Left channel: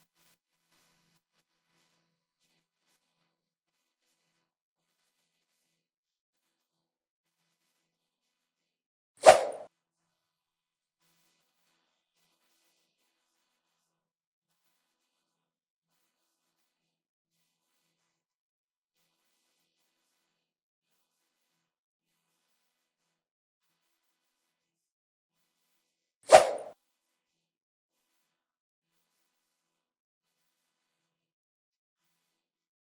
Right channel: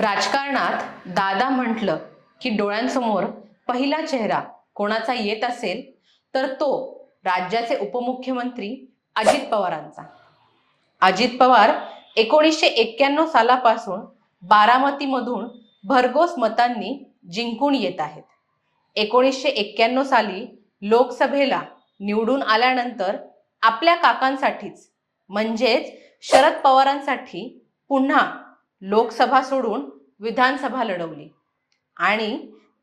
राजकारणात दादा म्हटलं की डोळ्यांसमोर पहिला चेहरा कोणाचा येत असेल तर तो राज्याचे उपमुख्यमंत्री अजित पवारांचा। अजित पवार 1991 सालापासून बारामतीमधून भरघोस मतांनी जिंकून येत आहेत। 1991 साली लोकसभेला निवडून आल्यानंतर आपल्या काकांसाठीच म्हणजेच शरद पवारांसाठी पुन्हा लोकसभा सोडून विधानसभा लढवली आणि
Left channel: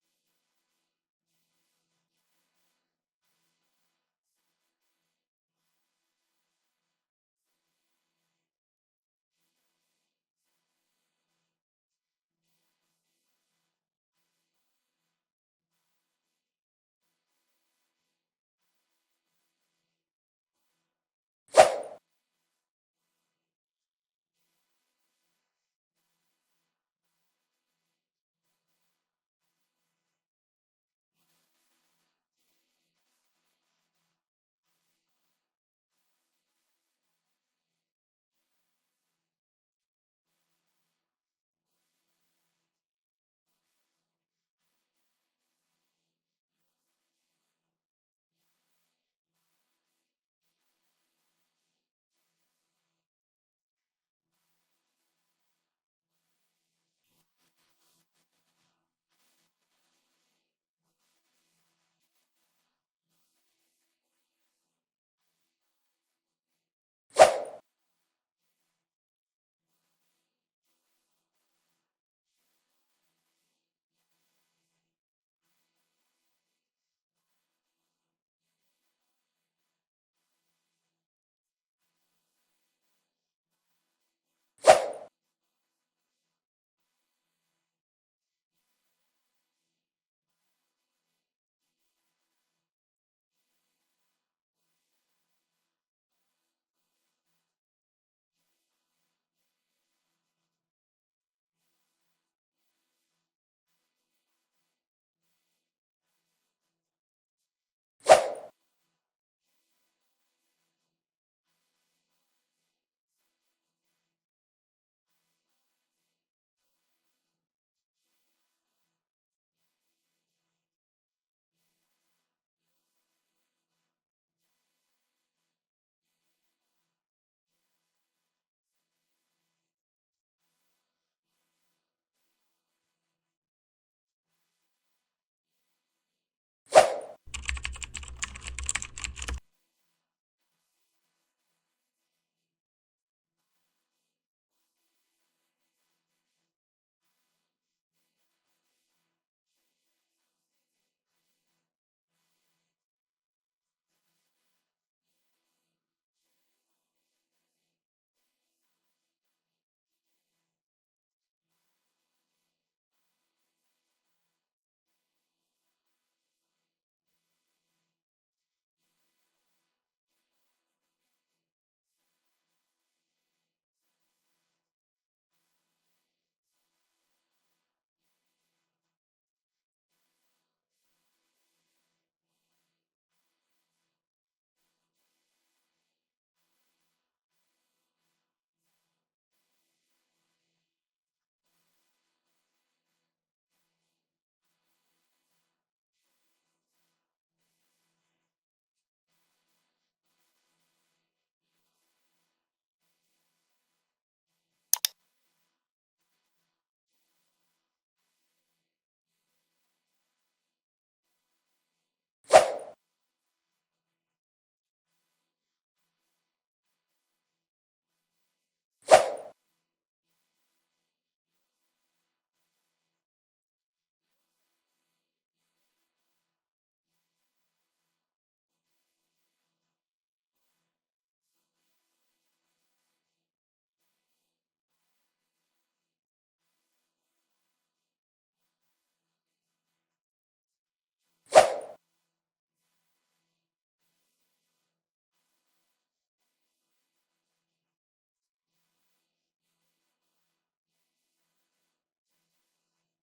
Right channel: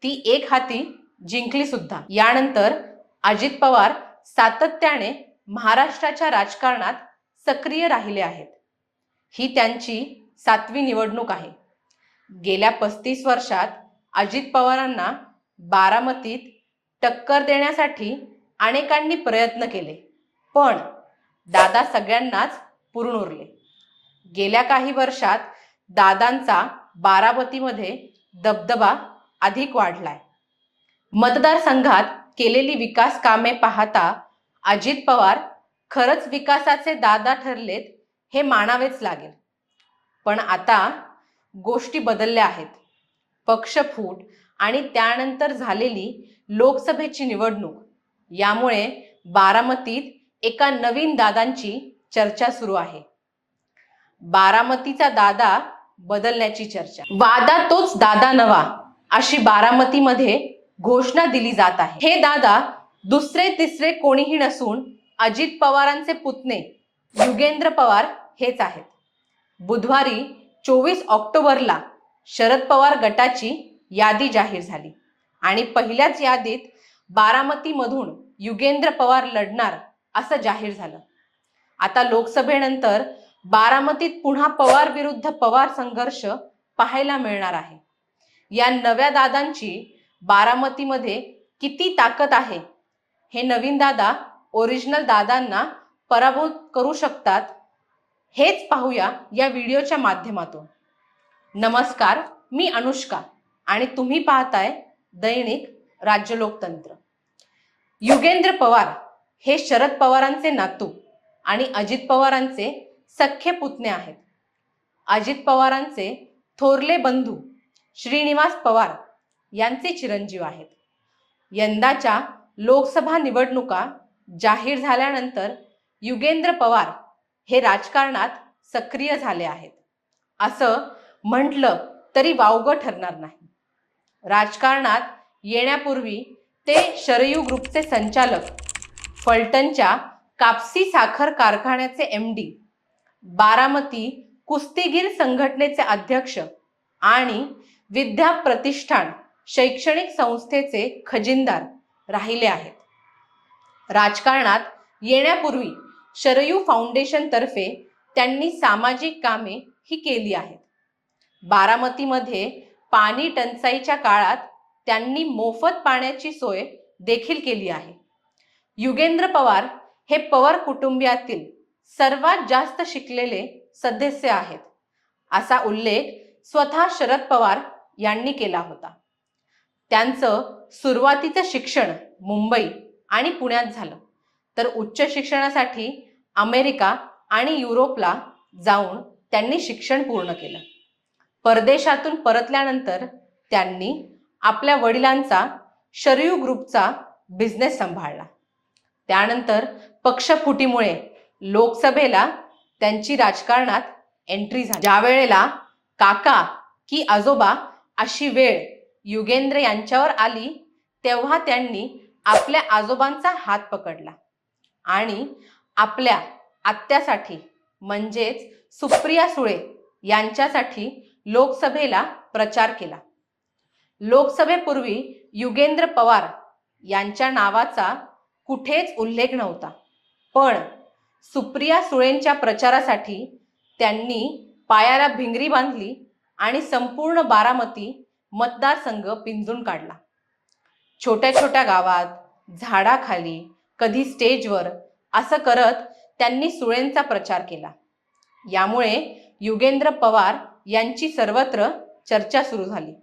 ती एक हाती जिंकली सुद्धा। यानंतर अजित पवार सातत्याने महाराष्ट्राच्या राजकारणात सक्रिय राहिले आहेत। ही त्यांची 7वी निवडणूक आहे। गेल्या 35 वर्षात अजित पवारांना बारामतीत टक्कर देण्यासाठी अनेकांनी प्रयत्न केले, पण दादा सगळ्यांनाच पुरून उरले। गेल्या काही वर्षात दादांचा बारामतीमध्ये दबदबा अधिक वाढलाय। मतदारसंघात केलेली विकास कामे पाहता अजित पवार खरंच विकासाचे दादा ठरलेत हे मानावेच लागेल। पण आता गोष्टी बदलल्या आहेत। पक्षफूट आणि त्यानंतर झालेली लोकसभेची निवडणूक यामुळे बारामतीत एका नवीन दादांची चर्चा सुरू आहे। बारामतीचा दादा बदलण्याची चर्चा। वादा तोच दादा नवा अशी बारामतीमध्ये घोषणा दिली जात आहे। हे दादा दुसरे तिसरे कोणीही नसून अजित पवारांचे पुतणे युगेंद्र पवार हेच आहेत। बुधवारी 24 ऑक्टोबरला शरद पवार गटाची यादी जाहीर झाली आणि पहिल्याच यादीत बारामतीमधून युगेंद्र पवार लढणार असं जाहीर झालं। आता लोकसभेनंतर बारामतीत पुन्हा पवार विरुद्ध पवार संघर्ष पाहायला मिळणार आहे। या नव्या दादांची बारामतीमध्ये किती ताकद आहे, हे नवीन दादा ओरिजिनल दादांना पराभूत करू शकतात, हेच पाहूया या व्हिडिओच्या माध्यमातून। नमस्कार, मी अनुष्का आणि तुम्ही पाहताय दैनिक राज्य लोकतंत्र। युगेंद्र पवार हे शरद पवारांचे नातू आणि अजित पवारांचे सख्खे पुतणे आहेत। अजित पवारांचे थोरले बंधू श्रीनिवास पवार यांचे चिरंजीव आहेत। यंदाच्या लोकसभा निवडणुका जाहीर झाल्यानंतर युगेंद्र पवार हे राजकारणात सक्रिय झाले आहेत असं म्हटलं तरी वावगं ठरणार नाही। राजकारणात येण्यापूर्वी ते शरयू ग्रुपचे संचालक, फलटणच्या कापसी साखर कारखान्याचे MD, बारामती कुस्तीगीर संघटनेचे अध्यक्ष आणि विद्या प्रतिष्ठान शैक्षणिक संस्थेचे खजिनदार राहिले आहेत। राजकारणात येण्यापूर्वी शरयू फाउंडेशन तर्फे त्यांनी सामाजिक कामे ही केली आहेत। बारामतीमध्ये पाणी टंचाईच्या काळात त्यांनी मोफत पाण्याची सोय देखील केली आहे। युगेंद्र पवार हे पवार कुटुंबियातील सर्वात जास्त शिकलेले सदस्य आहेत असा उल्लेख स्वतः शरद पवार यांनी केला होता। त्यांचं सुरुवातीचं शिक्षण मुंबई आणि पुण्यात झालं, तर उच्च शिक्षणासाठी अमेरिका आणि युरोपला जाऊन त्यांनी शिक्षण पूर्ण केलं। परदेशातून परतल्यानंतर त्यांनी आपल्या वडिलांचा शरयू ग्रुपचा बिझनेस सांभाळला। त्यानंतर पक्षफुटीमुळे लोकसभेला त्यांची राजकारणात एंट्री झाली। ज्या वेळेला काका की आजोबा अशी वेळ युगेंद्र यांच्यावर आली तेव्हा त्यांनी आपल्या आजोबांचा हात पकडला आणि आपल्या आत्यासाठी म्हणजेच सुप्रिया सुळे यांच्यासाठी लोकसभेला प्रचार केला। लोकसभेपूर्वी युगेंद्र पवार यांच्या नावाचा कुठेच उल्लेख नव्हता, पण सुप्रिया सुळेंच्या प्रचारासाठी त्यांनी पायाला भिंगरी बांधली आणि संपूर्ण बारामती मतदारसंघ पिंजून काढला। छोट्या छोट्या गावात, झाडाखाली, कधी स्टेजवर असं करत त्यांनी सुळेंचा प्रचार केला। यामुळे युगेंद्र पवार यांची सर्वत्र चर्चा सुरू झाली।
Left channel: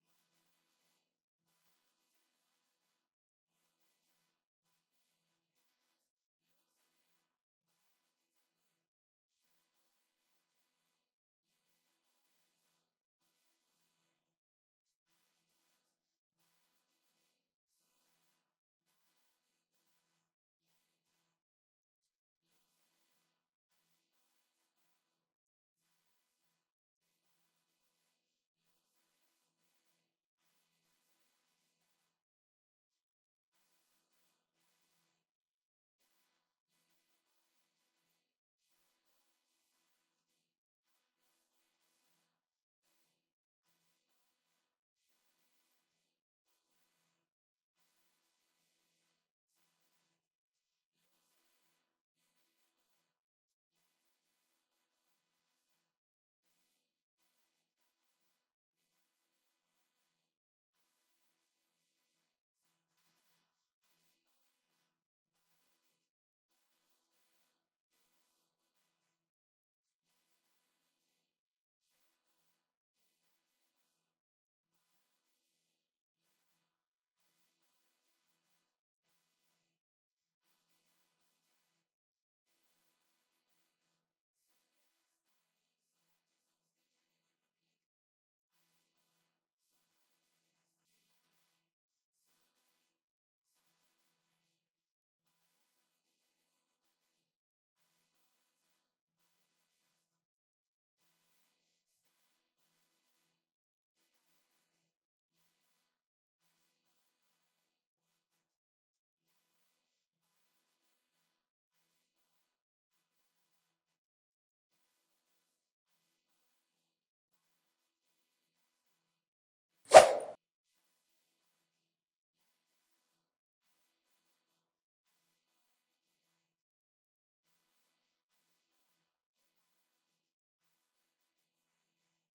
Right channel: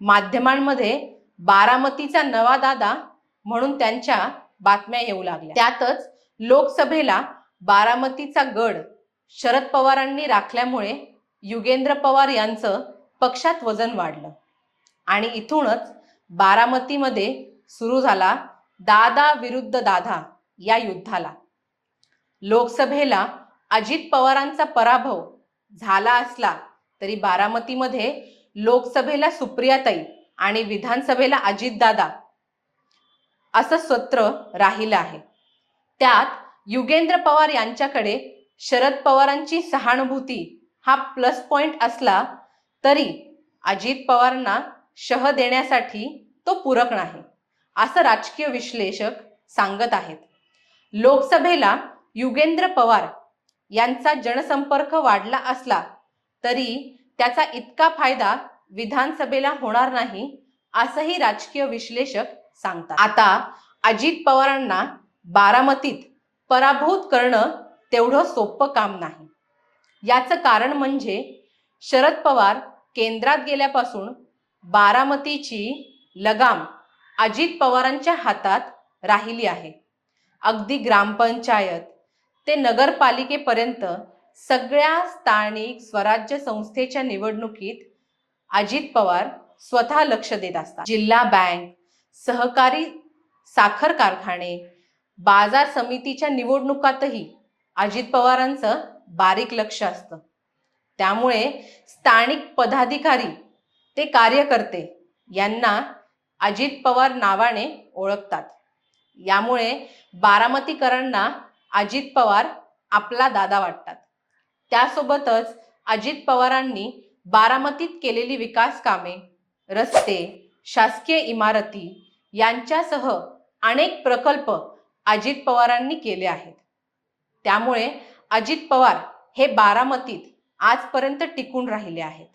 माध्यमांमध्ये बारामतीचा नवा दादा म्हणून त्यांच्या बातम्या येऊ लागल्या। त्यातच लोकसभेला बारामतीचा गड शरद पवारांनी राखल्यामुळे युगेंद्र पवार यांचं पक्षात वजन वाढलं आणि इथूनच बारामतीमध्ये सुरू झाला दादा विरुद्ध दादा या युद्धाला. लोकसभेला अजित पवारांचा पराभव झाला असला तरी बारामतीमध्ये लोकसभेला सुप्रियाताई आणि विधानसभेला अजितदादा असं सत्र राहिलं आहे. त्यात युगेंद्र पवार यांच्याकडे शरद पवारांची सहानुभूती हा प्लस पॉइंट असला तरी अजित पवारांना शह देण्यासाठी तो पूरक नाही, असं राजकीय विश्लेषक सांगत आहेत. लोकसभेला युगेंद्र पवार यांचा जनसंपर्क वाढला असला तरी त्याचा इतका फायदा विधानसभेला होणार नाही, असंही राजकीय विश्लेषक सांगतात. आता अजित पवारांना बारामतीत पराभूत करणं तेवढं सोपं काम नाही. याचं कारण म्हणजे शरद पवार केंद्रात गेल्यापासून बारामतीची लगाम अजित पवारांच्या हातात राहिली आहे. अगदी ग्रामपंचायत ते नगरपालिकेपर्यंत सगळ्या स्थानिक स्वराज्य संस्थेच्या निवडणुकीत अजित पवार स्वतः लक्ष देत असतात. जिल्हा बँक, सहकारी साखर कारखाने, बाजार समितीच्या निवडणुकातही अजित पवारांचं बारीक लक्ष असतं. त्यामुळे स्थानिक पदाधिकारी ते कार्यकर्ते यांना अजित पवार नावाने ओळखतात. यामुळे बारामतीकरांना अजित पवार आपला दादा वाटतात. त्यासोबतच अजित पवारांनी बारामतीत केलेली विकास कामे, रस्ते, शासकीय इमारती यांच्यासह अनेक प्रकल्प अजित पवारांनी केले आहेत. त्यामुळे अजित पवार हे बारामतीत आजपर्यंत टिकून राहिले आहेत.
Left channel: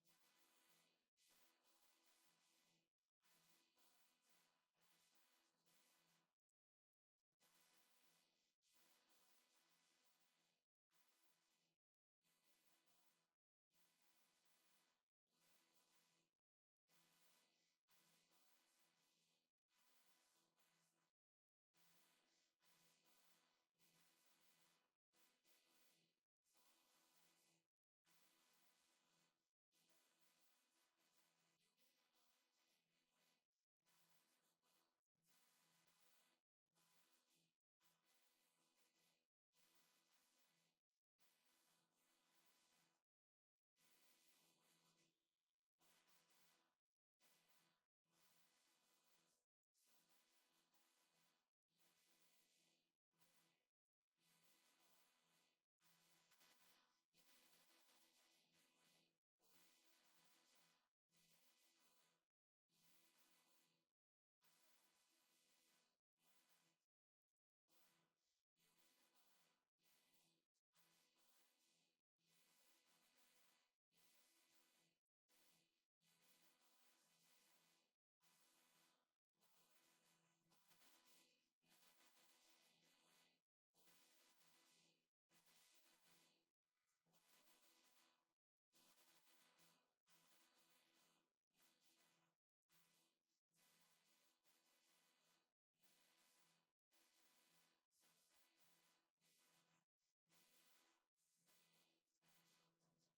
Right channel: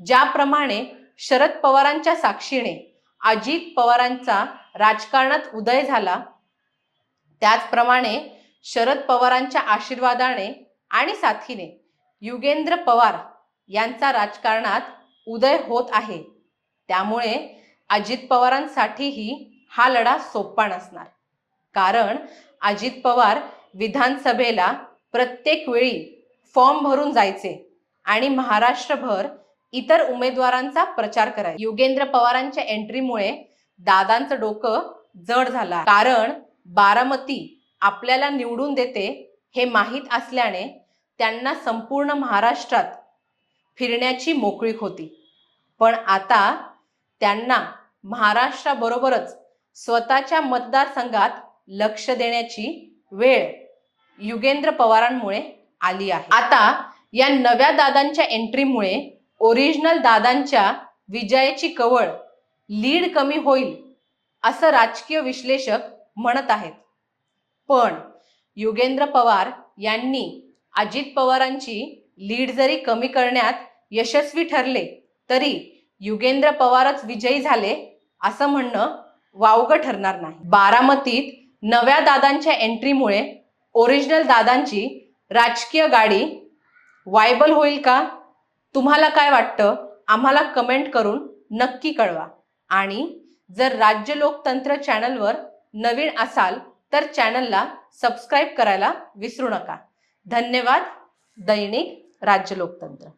ज्याप्रमाणे शरद पवारांच्या साक्षीने अजित पवारांचा राजकारणात उदय झाला, त्याचप्रमाणे शरद पवारांच्या आशीर्वादाने आणि साथीने युगेंद्र पवार यांचा राजकारणात उदय होत आहे. त्यामुळे अजित पवारांसाठीही हा लढा सोपा नसणार. कारण अजित पवार विधानसभेला प्रत्येक वेळी फॉर्म भरून जायचे आणि महाराष्ट्रभर इतर उमेदवारांचा प्रचार करायचे. युगेंद्र पवारांच्या एंट्रीमुळे दादांचं डोकं जड झालं. कारण बारामती आपल्याला निवडून देते हे माहीत असल्याने त्यांना संपूर्ण महाराष्ट्रात फिरण्याची मोकळीक होती. पण आता त्यांना महाराष्ट्राबरोबरच स्वतःच्या मतदारसंघात लक्ष देण्याची वेळ युगेंद्र पवारांमुळे आली आहे. आता या नव्या दादांच्या एंट्रीमुळे ओरिजिनल दादांच्या विजयाची कवळ लीड कमी होईल असं राजकीय विश्लेषक म्हणत आहेत. पण युगेंद्र पवार यांनी अजित पवारांची लीड जरी कमी करण्यात यशस्वी ठरले तरी युगेंद्र पवारच विजयी झाले असं म्हणणं वावगं ठरणार नाही. बारामतीत नव्या दादांच्या एंट्रीमुळे ओरिजिनल दादांची राजकीय गाडी वायबल होईल का? तुम्हाला काय वाटतं? आम्हाला कमेंट करून नक्की कळवा. आणि जर राज्य लोकतंत्र चॅनलवर नवीन असाल तर चॅनलला सबस्क्राईब करायला विसरू नका. धन्यवाद. दैनिक राज्य लोकतंत्र.